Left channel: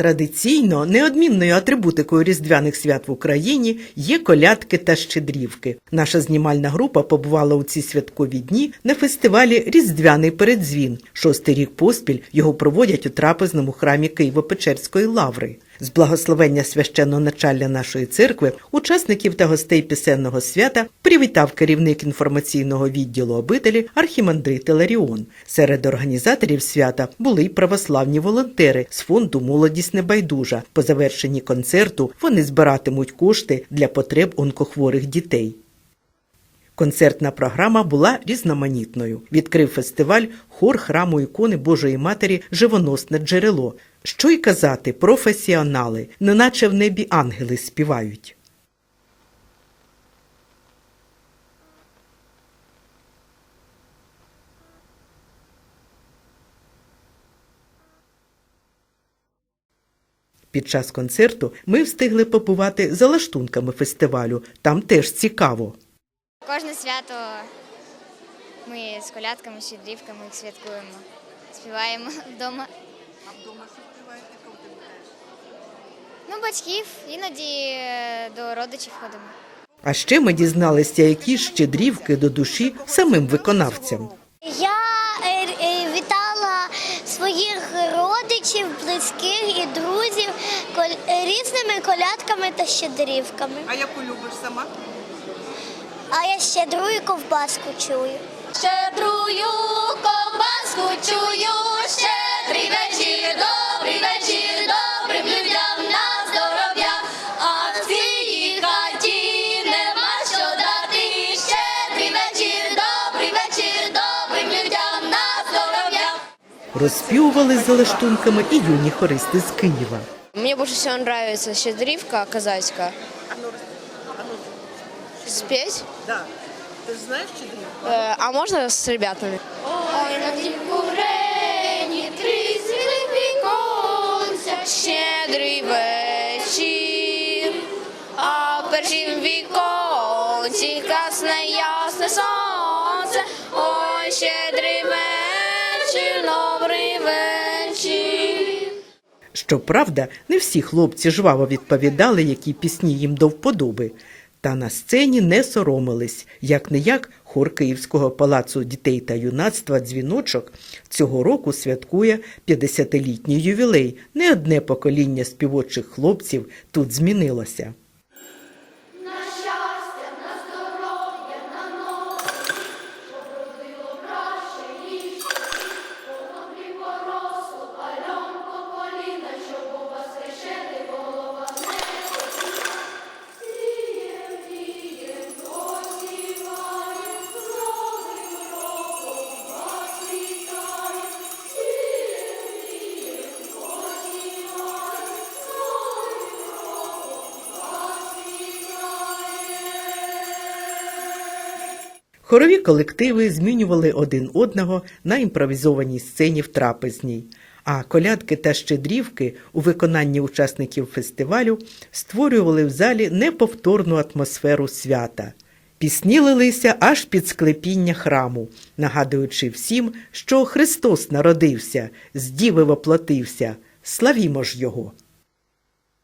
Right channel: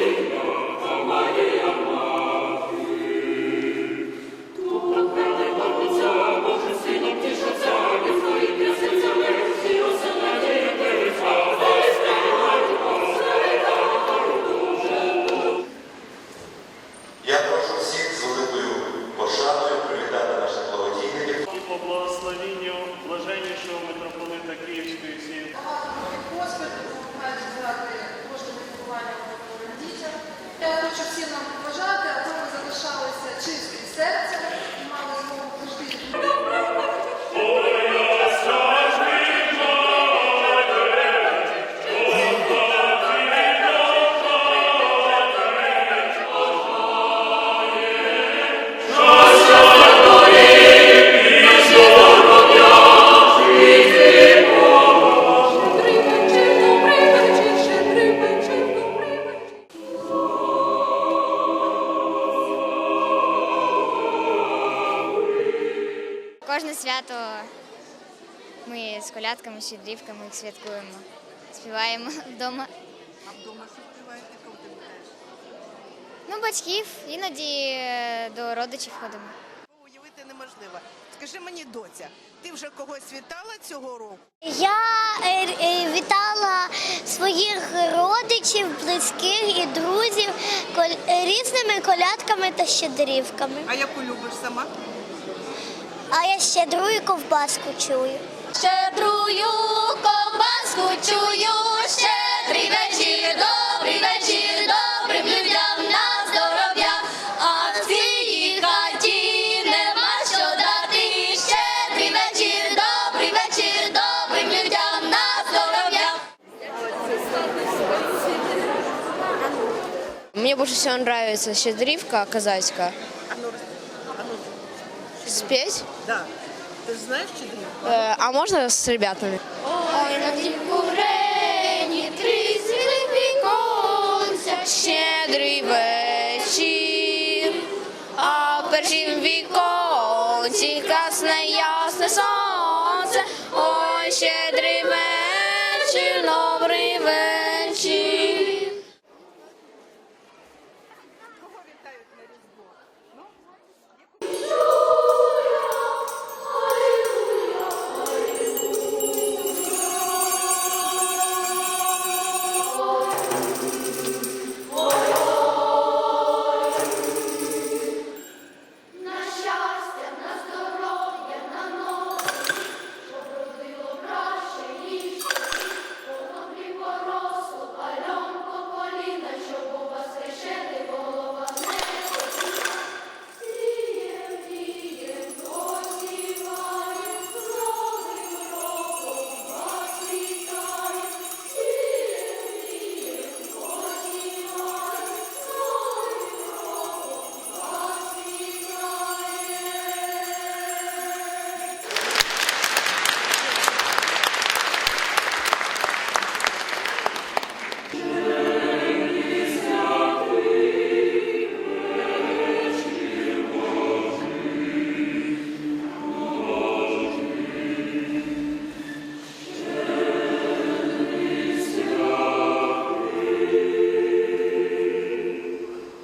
Традиційно неодмінною атрибутикою різдвяних свят в Україні є колядки та щедрівки. Наша знімальна група побувала у ці святкові дні на фестивалі Різдвяний передзвін. Шостий рік поспіль його проводять у трапезному храмі Києво-Печерської лаври. З благословення священного началля нашої церкви учасників та гостей пісенного свята привітав керівник інформаційного відділу обителі архімандрит Ларіон. Серед організаторів свята були й православні волонтери з фонду Молодість небайдужа. По завершенні концерту вони збиратимуть кошти для потреб онкохворих дітей. Концертна програма була різноманітною. Відкрив фестиваль хор храму ікони Божої Матері Живоносне джерело. Що й казати, професіонали, неначе в небі ангели співають. Під час концерту ми встигли побувати за лаштунками фестивалю. Там теж цікаво. Кожне свято ми з колядками, щедрівками їх святкуємо. Співаємо вдома. А вдома що співаєте, кого ти вітаєш? Ну, батьків, іноді е, до родичів ходимо. А ще ми дізналися, які щедрівки до душі самим виконавцям. Я е, е, вітала своїх родичів, близьких і друзів різними колядками та щедрівками. А яку любиш сама? А я щедрую ковбаску чую. Щедрую ковбаску чую, щедрий вечір, Розспівували за лаштунками і юні хористи з Києва. Мне больше всего нравится щедрівка казацька. А ну, а ну, Спеть? да. Ти ж знаєш щедрівку? Э, а можно с ребятами? Ой, на тім курені цілих віконця. Щедрий вечір, а в першім віконці красне ясне сонце. Ой, щедрий вечір, добрий вечір. Щоправда, не всі хлопці жваво відповідали, які пісні їм до вподоби. Та на сцені не соромились. Як не як хор Київського палацу дітей та юнацтва дзвіночок цього року святкує 50-літній ювілей. Не одне покоління співочих хлопців тут змінилося. Хорові колективи змінювали один одного на імпровізованій сцені в трапезній. А колядки та щедрівки у виконанні учасників фестивалю створювали в залі неповторну атмосферу свята. Пісні лилися аж під склепіння храму, нагадуючи всім, що Христос народився, з діви воплотився. Славімо ж його!